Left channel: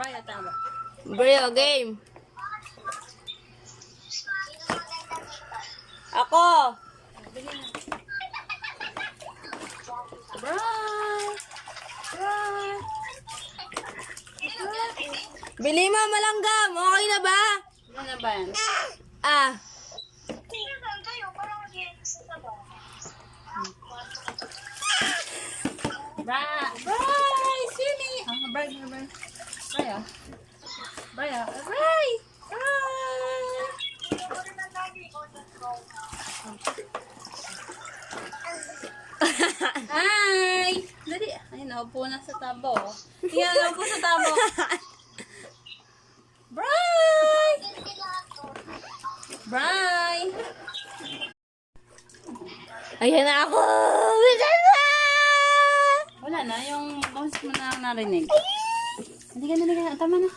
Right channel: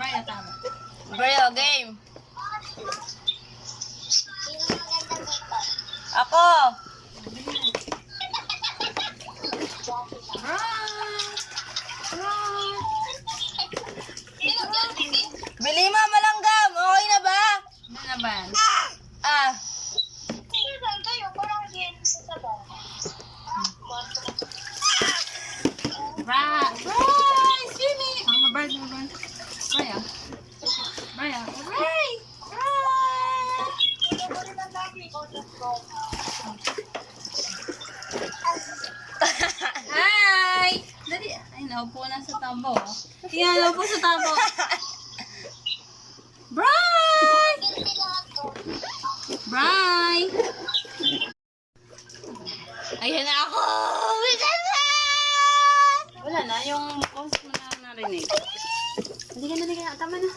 Brian, tama. Bro, game. Ako. Brian! Brian! Bili mo malanggam. Okay na ba? Ano na ba? Ah. Brian! Brian! Sini! Ah, Brian, Brian. Brian. Brian. Brian! Brian! Hi! Dali. Ay, naupo na sa tabo. Yan, naupo sa tabo. Brian! Brian! Ayan na ako. Bisan na! Wala na, yung bounce mo na narinig. Halika na, halika na. Tama na.